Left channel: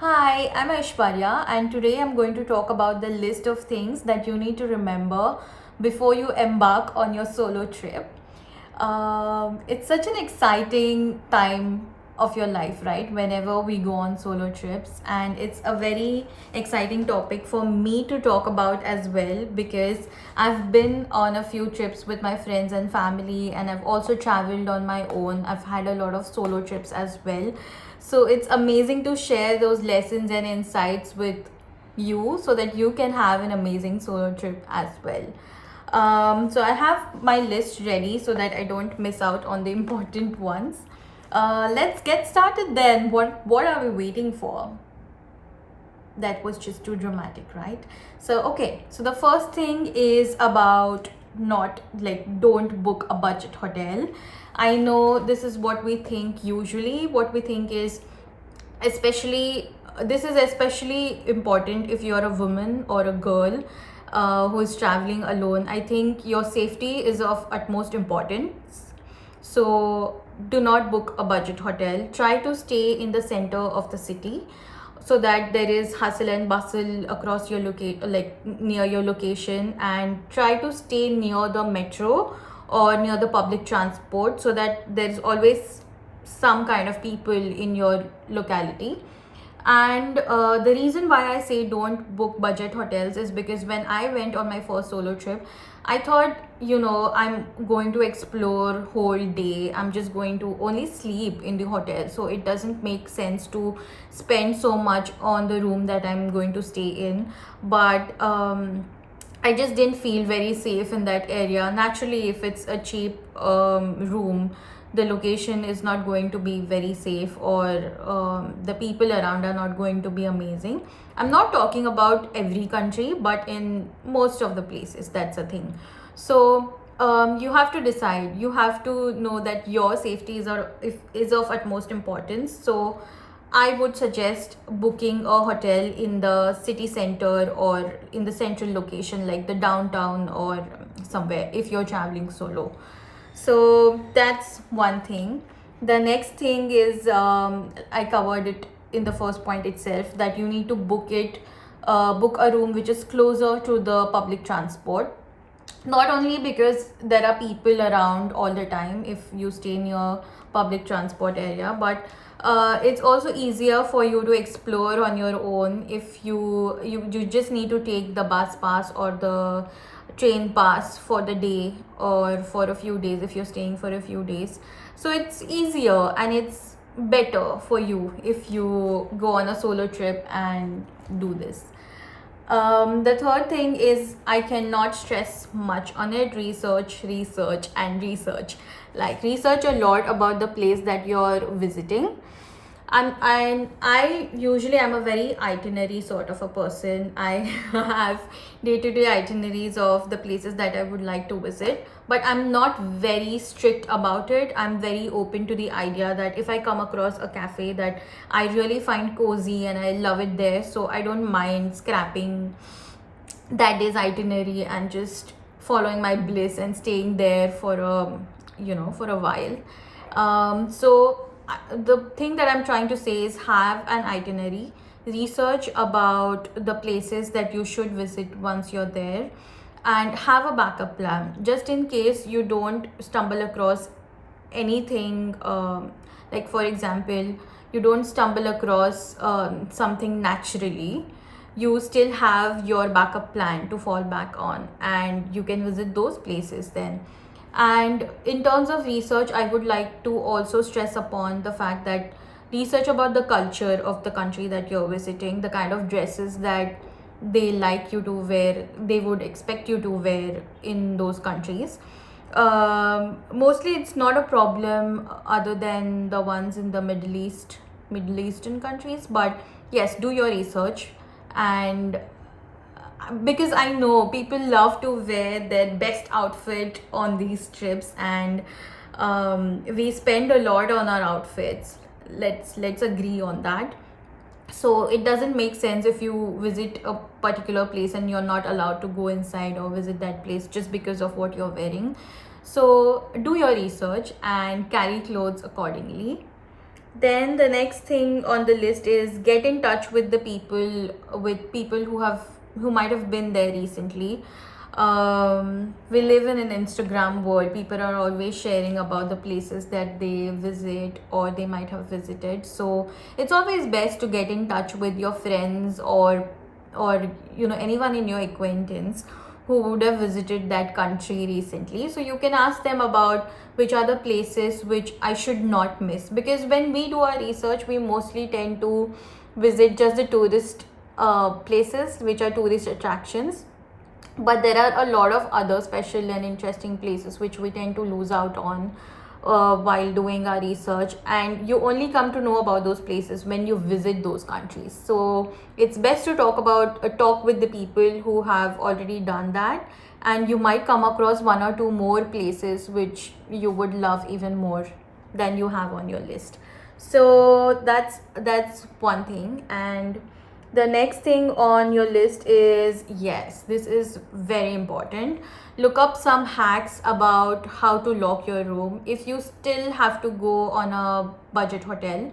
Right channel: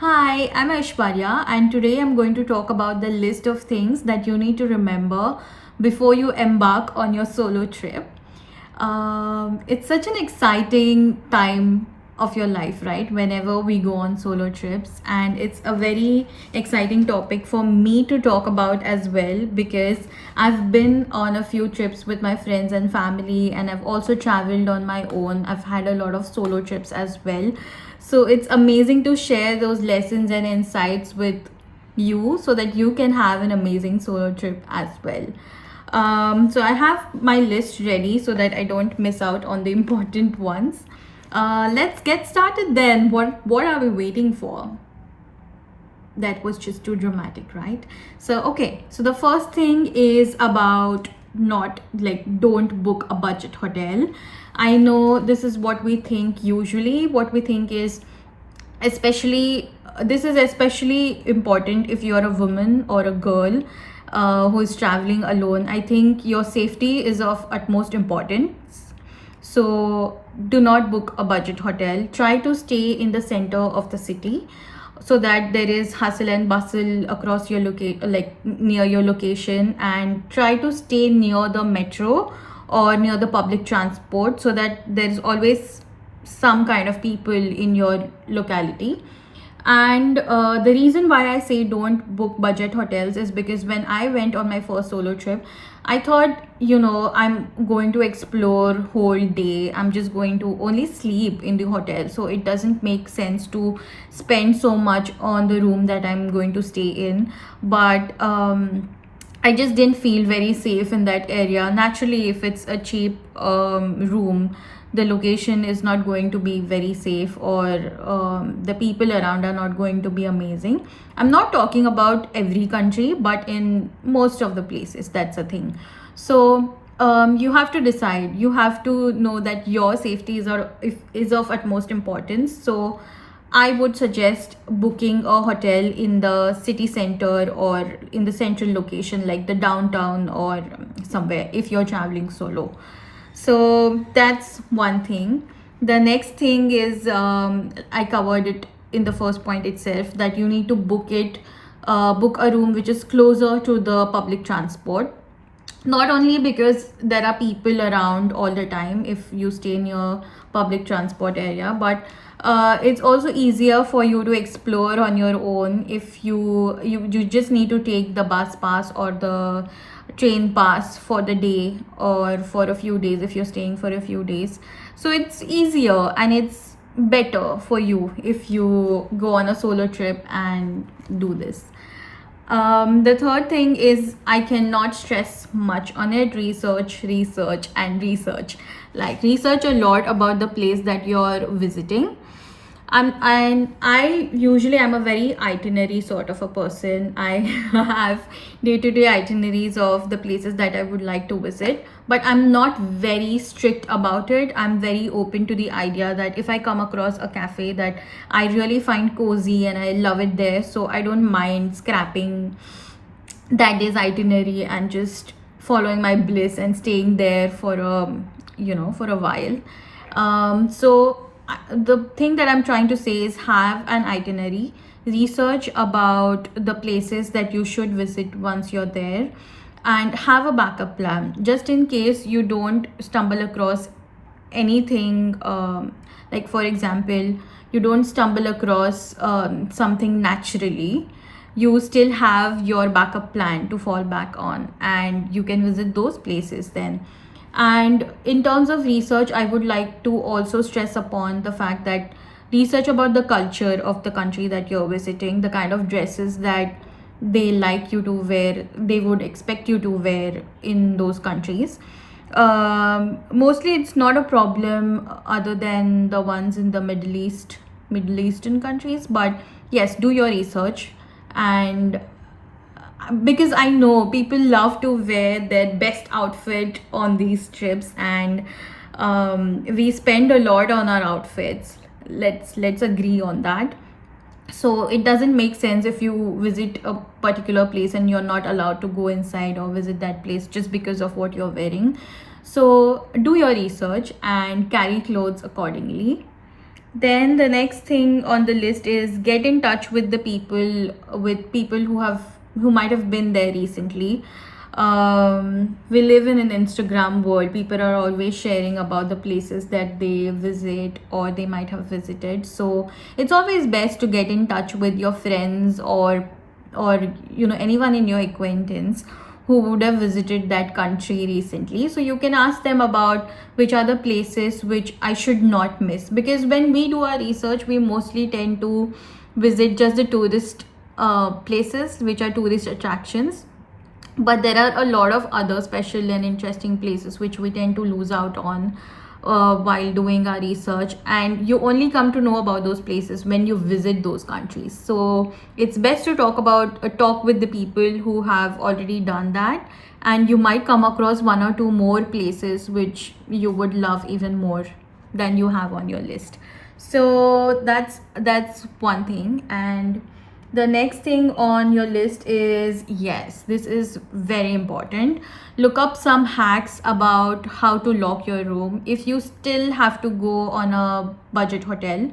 Hi, I'm Aishwarya, and today I'm going to talk about the list of things that you need to remember before you embark on your solo trip. It's such an exciting time of your life, right? Whenever we go on solo trips, and it's a very exciting topic for me to talk about as well because I've been on a few trips with my friends and family, and I've also traveled on my own. I've had a lot of solo trips as well. So it's amazing to share those lessons and insights with you so that you can have an amazing solo trip as well. So I have my list ready so that I don't miss out on the important ones. Let's get started then. What are we waiting for? That was just too dramatic, right? So the first thing is about not like don't book a budget hotel. I know this is what we think usually. What we think is especially this is especially important if you're a woman or a girl who is traveling alone. I think your safety is of utmost importance. So do not book a budget hotel. Try to stay in the center of the city so that there is hustle and bustle across your near your location, and try to stay near the metro or near the public transport so that there is always some kind of people in your locality. And the reason why I say don't book budget hotels is because when I went on my first solo trip, I thought, I'm going to explore whole day. I'm just going to only sleep in the hotel. So it doesn't make sense to spend so much on the room that I'm going to stay in. But I just didn't feel very safe in that area. Naturally, if it's a cheap room, the location is not going to be very safe, or the people around are not going to be amazing. I'm not talking about every country, but in most of the places, that's a thing. So you have to decide. You have to know that your safety is of utmost importance. So I would suggest booking a hotel in the city center or in the central location like the downtown or somewhere if you're traveling solo. So that's one thing. The next thing is I covered it in the first point itself, that you need to book a room which is closer to the public transport. Not only because there are people around all the time if you stay near public transport area, but it's also easier for you to explore on your own if you just need to take the bus pass or the train pass for the day or for a few days if you're staying for a few days. So it's easier and it's better for you if you go on a solo trip and do this. The third thing is, I cannot stress much on it: research, research, and research. Like, research a lot about the place that you're visiting. And I usually am a very itinerary sort of a person. I have day-to-day itineraries of the places that I would like to visit, but I'm not very strict about it. I'm very open to the idea that if I come across a cafe that I really find cozy and I love it there, so I don't mind scrapping that day's itinerary and just following my bliss and staying there for a while. The thing that I'm trying to say is, have an itinerary, research about the places that you should visit once you're there, and have a backup plan just in case you don't stumble across anything. Like, for example, you don't stumble across something naturally, you still have your backup plan to fall back on, and you can visit those places then. And in terms of research, I would like to also stress upon the fact that research about the culture of the country that you're visiting, the kind of dresses that they like you to wear, they would expect you to wear in those countries. Mostly it's not a problem other than the ones in the Middle Eastern countries, but yes, do your research. And because I know people love to wear their best outfit on these trips, and we spend a lot on our outfits. Let's agree on that. So it doesn't make sense if you visit a particular place and you're not allowed to go inside or visit that place just because of what you're wearing. So do your research and carry clothes accordingly. Then the next thing on the list is get in touch with the people, who might have been there recently. We live in an Instagram world. People are always sharing about the places that they visit or they might have visited. So it's always best to get in touch with your friends, or anyone in your acquaintance who would have visited that country recently, so you can ask them about which are the places which I should not miss, because when we do our research we mostly tend to visit just the tourist places, which are tourist attractions, but there are a lot of other special and interesting places which we tend to lose out on while doing our research, and you only come to know about those places when you visit those countries. So it's best to talk with the people who have already done that, and you might come across one or two more places which you would love even more than you have on your list. So that's one thing. And the next thing on your list is, yes, this is very important, look up some hacks about how to lock your room if you still have to go on a budget hotel.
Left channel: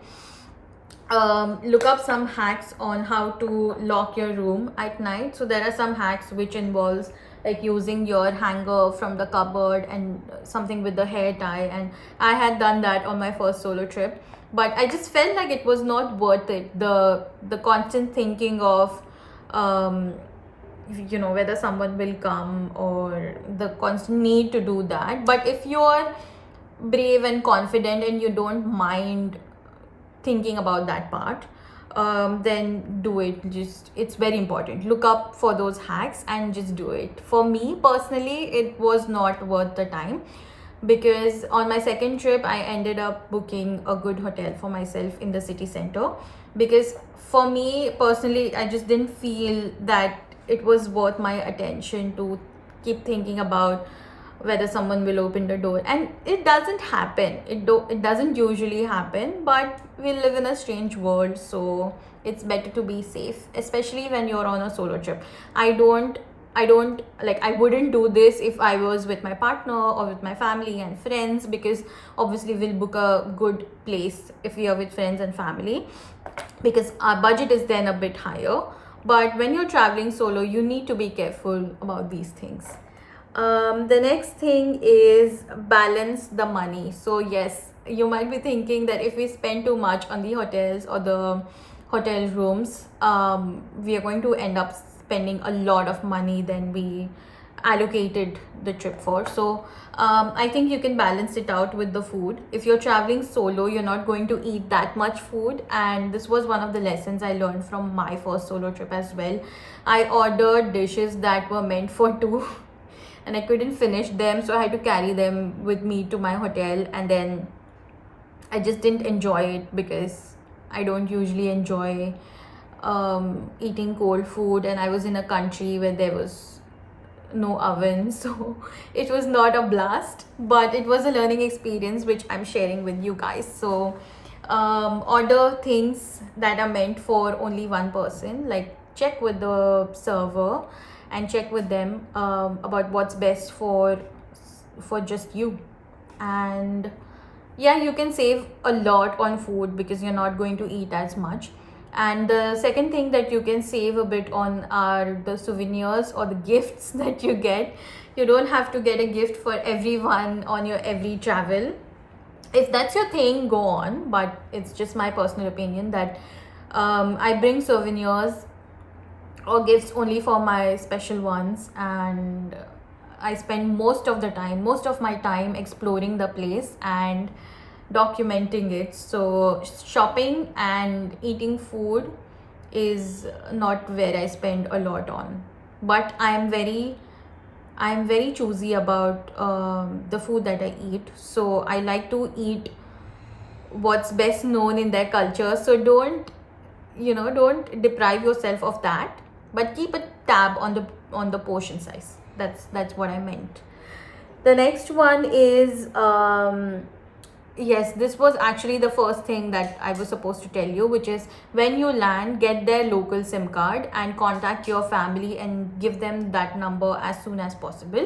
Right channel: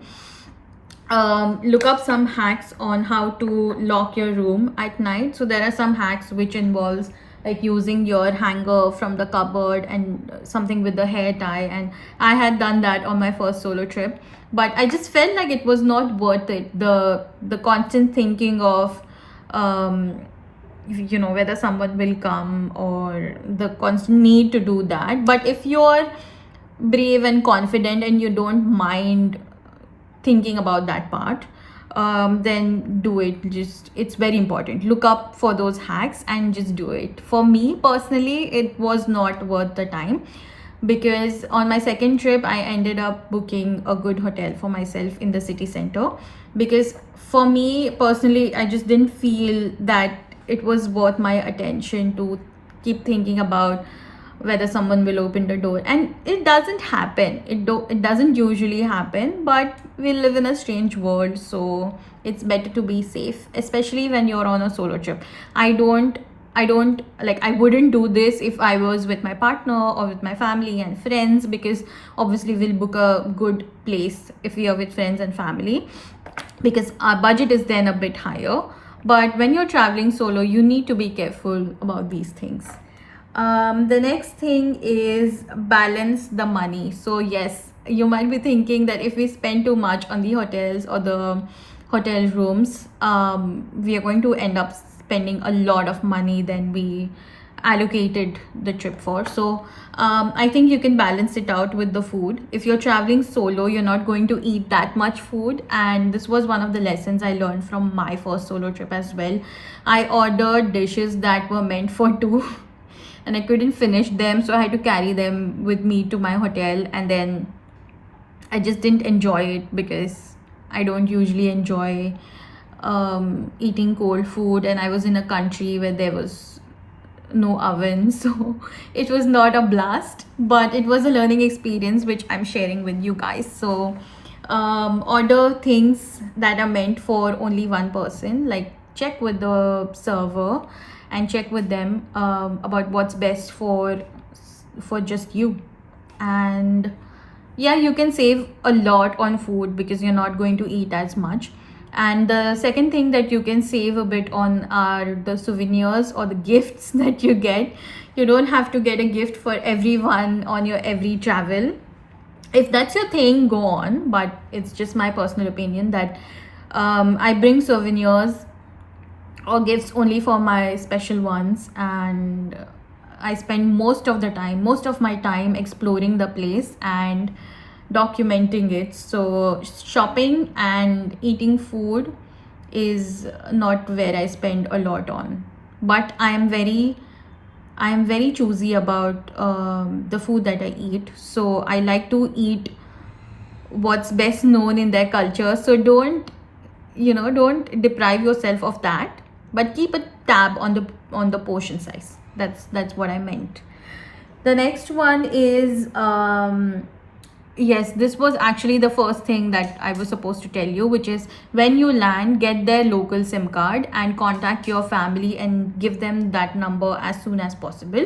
Look up some hacks on how to lock your room at night. So there are some hacks which involves like using your hanger from the cupboard and something with the hair tie, and I had done that on my first solo trip, but I just felt like it was not worth it, the constant thinking of whether someone will come, or the constant need to do that. But if you're brave and confident and you don't mind thinking about that part, then do it. Just, it's very important, look up for those hacks and just do it. For me personally, it was not worth the time, because on my second trip I ended up booking a good hotel for myself in the city center, because for me personally I just didn't feel that it was worth my attention to keep thinking about whether someone will open the door. And it doesn't happen, it doesn't usually happen, but we live in a strange world, so it's better to be safe, especially when you're on a solo trip. I don't like, I wouldn't do this if I was with my partner or with my family and friends, because obviously we'll book a good place if we are with friends and family, because our budget is then a bit higher. But when you're traveling solo, you need to be careful about these things. The next thing is balance the money. So yes, you might be thinking that if we spend too much on the hotels or the hotel rooms, we are going to end up spending a lot of money than we allocated the trip for. So I think you can balance it out with the food. If you're traveling solo, you're not going to eat that much food, and this was one of the lessons I learned from my first solo trip as well. I ordered dishes that were meant for two and I couldn't finish them, so I had to carry them with me to my hotel, and then I just didn't enjoy it, because I don't usually enjoy eating cold food, and I was in a country where there was no oven, so it was not a blast, but it was a learning experience which I'm sharing with you guys. So order things that are meant for only one person, like check with the server and check with them about what's best for just you. And yeah, you can save a lot on food because you're not going to eat as much. And the second thing that you can save a bit on are the souvenirs or the gifts that you get. You don't have to get a gift for everyone on your every travel. If that's your thing, go on, but it's just my personal opinion that I bring souvenirs or gifts only for my special ones, and I spend most of my time exploring the place and documenting it. So shopping and eating food is not where I spend a lot on, but I am very choosy about the food that I eat. So I like to eat what's best known in their culture. So don't deprive yourself of that, but keep a tab on the portion size. That's what I meant. The next one is yes, this was actually the first thing that I was supposed to tell you, which is when you land, get their local SIM card and contact your family and give them that number as soon as possible.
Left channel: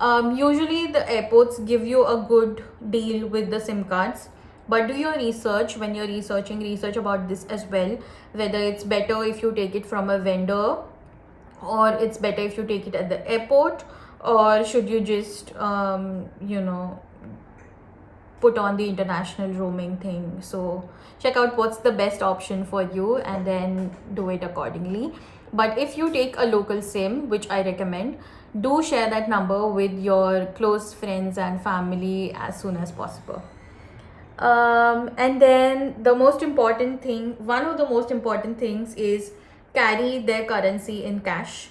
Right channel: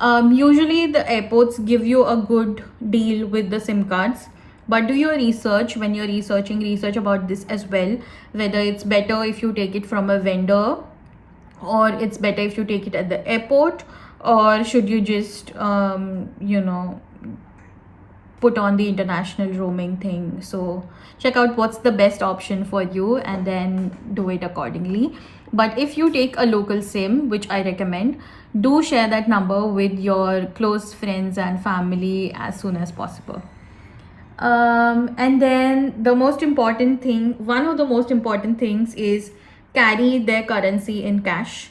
Usually the airports give you a good deal with the SIM cards, But do your research. When you're researching, research about this as well, whether it's better if you take it from a vendor, or it's better if you take it at the airport, or should you just put on the international roaming thing. So check out what's the best option for you and then do it accordingly. But if you take a local sim, which I recommend, do share that number with your close friends and family as soon as possible. And then the most important thing, one of the most important things, is carry their currency in cash.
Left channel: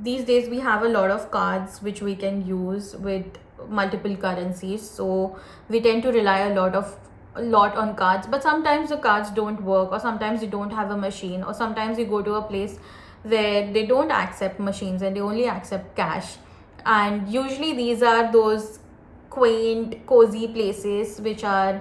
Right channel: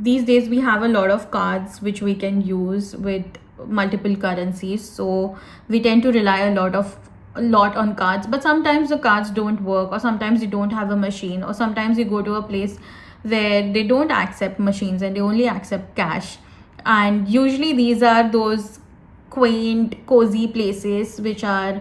These days we have a lot of cards which we can use with multiple currencies, so we tend to rely a lot on cards. But sometimes the cards don't work, or sometimes you don't have a machine, or sometimes you go to a place where they don't accept machines and they only accept cash. And usually these are those quaint, cozy places which are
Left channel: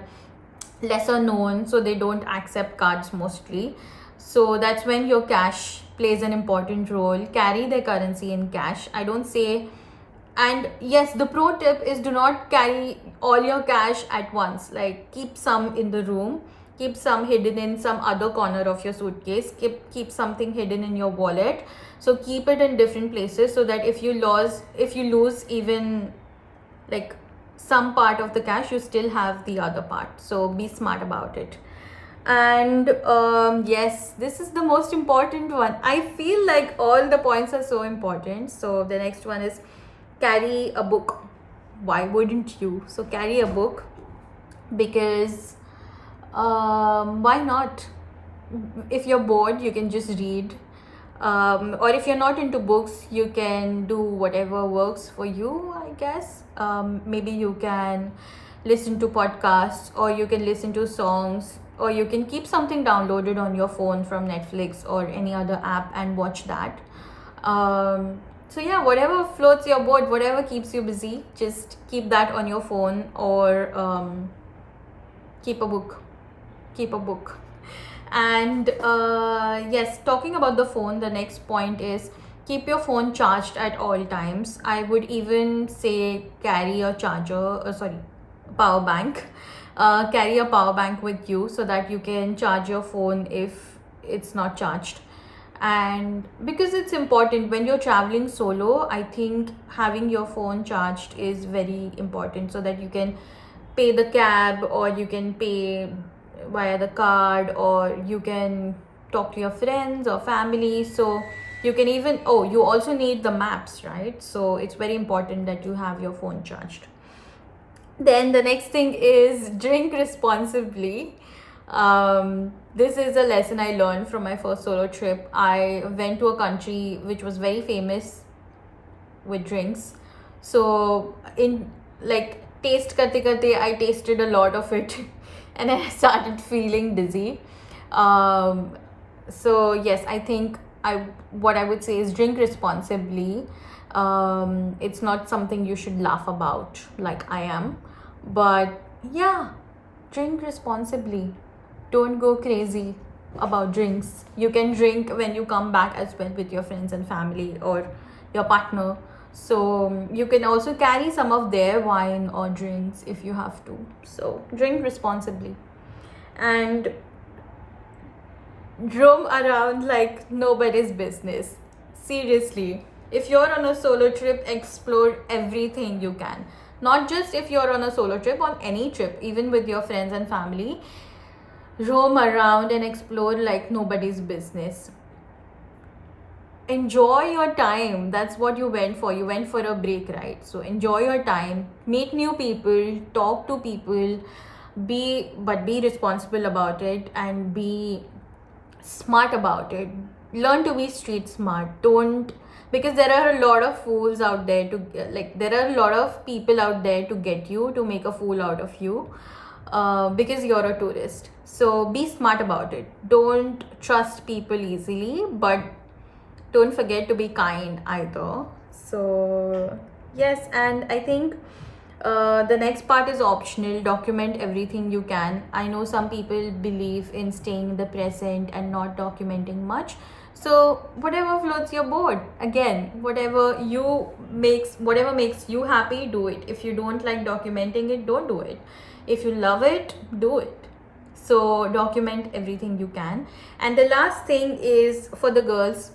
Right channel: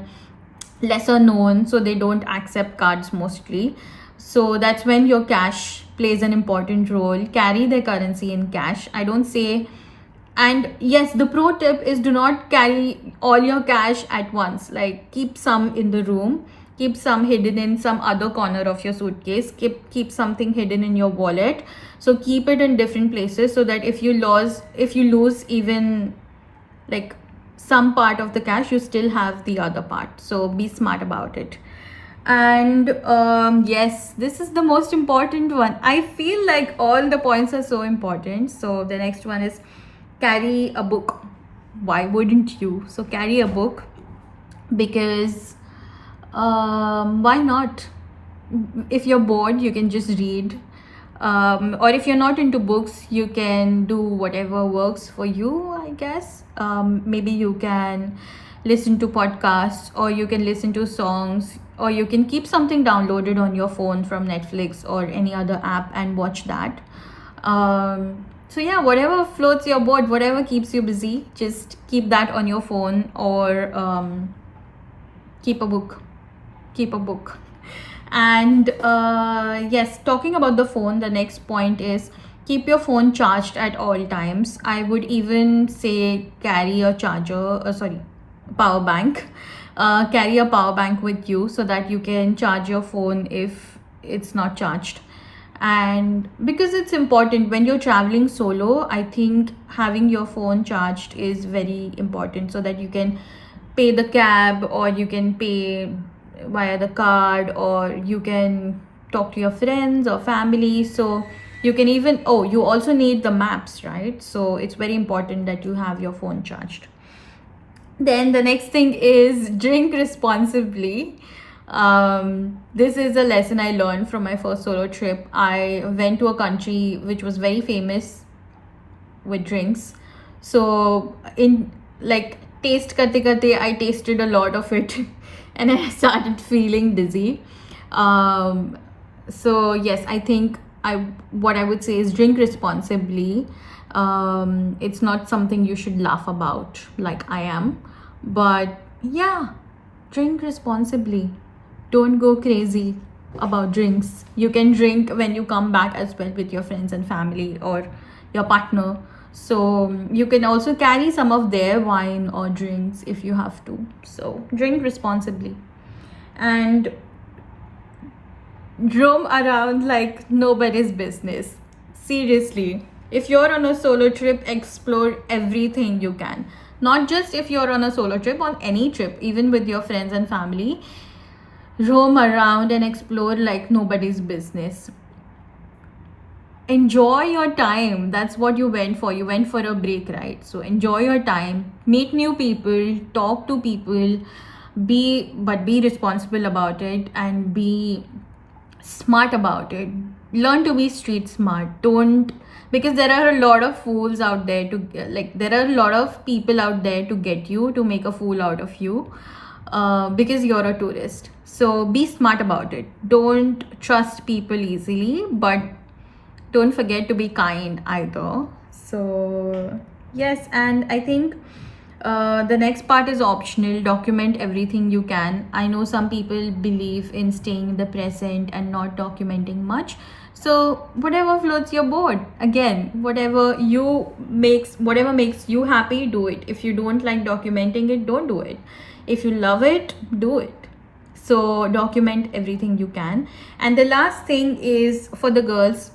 lesser known, so they don't accept cards mostly. So that's when your cash plays an important role. Carry their currency in cash. I don't say, and yes, the pro tip is, do not carry all your cash at once. Like, keep some in the room, keep some hidden in some other corner of your suitcase, keep something hidden in your wallet. So keep it in different places, so that if you lose even like some part of the cash, you still have the other part. So be smart about it. And yes, this is the most important one. I feel like all the points are so important. So the next one is carry a book. Why wouldn't you? So carry a book, because why not? If you're bored, you can just read. Or if you're not into books, you can do whatever works for you, I guess. Maybe you can listen to podcasts, or you can listen to songs, or you can keep something downloaded on your phone from Netflix or any other app and watch that. So yeah, whatever floats your boat, whatever keeps you busy, just keep that on your phone, or keep a book. And yes, talking about the phone, the next point is keep your phone charged at all times. I would even say carry a power bank. Carry a power bank with you, so that you can charge your phone if it's not charged. And because it's important when you're traveling solo, I think having your phone charged is very important, so that you can pay the cab, or you can pay via the card, or you can talk to your friends or family. So you can even, you also need the maps, right? So it's very important that you have your phone charged. Then the next thing is drink responsibly. This is a lesson I learned from my first solo trip. I went to a country which was very famous with drinks. So in like taste karte karte, I tasted a lot of it and I started feeling dizzy. So yes, I think what I would say is drink responsibly. It's not something you should laugh about like I am, but yeah, drink responsibly. Don't go crazy about drinks. You can drink when you come back as well with your friends and family or your partner. So you can also carry some of their wine or drinks if you have to. So drink responsibly and roam around like nobody's business. Seriously, if you're on a solo trip, explore everything you can. Not just if you're on a solo trip, on any trip, even with your friends and family. Roam around and explore like nobody's business. Enjoy your time. That's what you went for. You went for a break, right? So enjoy your time, meet new people, talk to people, be responsible about it, and be smart about it. Learn to be street smart. Don't, because there are a lot of fools out there to there are a lot of people out there to get you, to make a fool out of you, because you're a tourist. So be smart about it. Don't trust people easily, but don't forget to be kind either. So yes, and I think the next part is optional. Document everything you can. I know some people believe in staying in the present and not documenting much. So whatever floats your boat. Again, whatever makes you happy, do it. If you don't like documenting it, don't do it. If you love it, do it. So document everything you can. And the last thing is for the girls,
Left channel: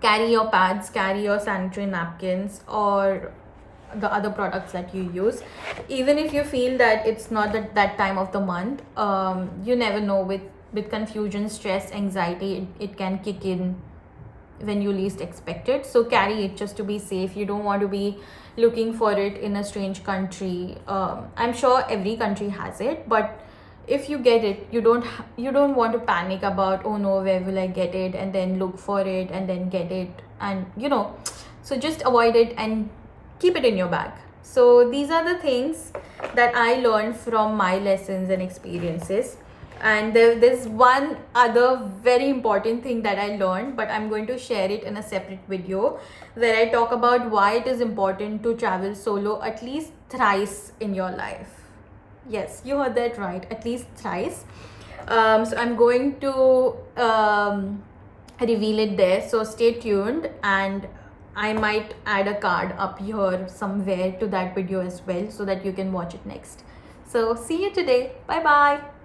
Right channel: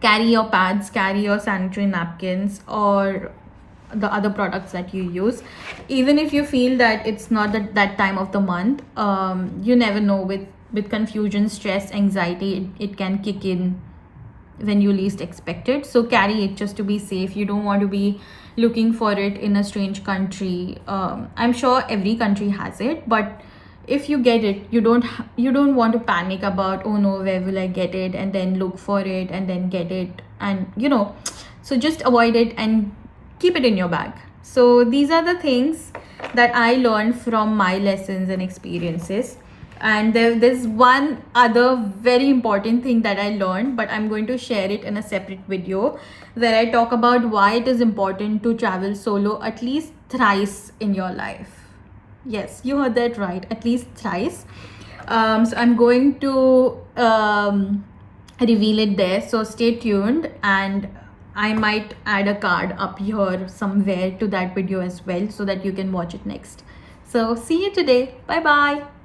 carry your pads, carry your sanitary napkins, or the other products that you use. Even if you feel that it's not that time of the month, you never know, with confusion, stress, anxiety, it can kick in when you least expect it. So carry it just to be safe. You don't want to be looking for it in a strange country. I'm sure every country has it, but if you get it, you don't want to panic about, oh no, where will I get it, and then look for it and then get it, and so just avoid it and keep it in your bag. So these are the things that I learned from my lessons and experiences. And there's one other very important thing that I learned, but I'm going to share it in a separate video where I talk about why it is important to travel solo at least thrice in your life. Yes, you heard that right, at least thrice. So I'm going to reveal it there, so stay tuned, and I might add a card up here somewhere to that video as well, so that you can watch it next. So see you today. Bye bye.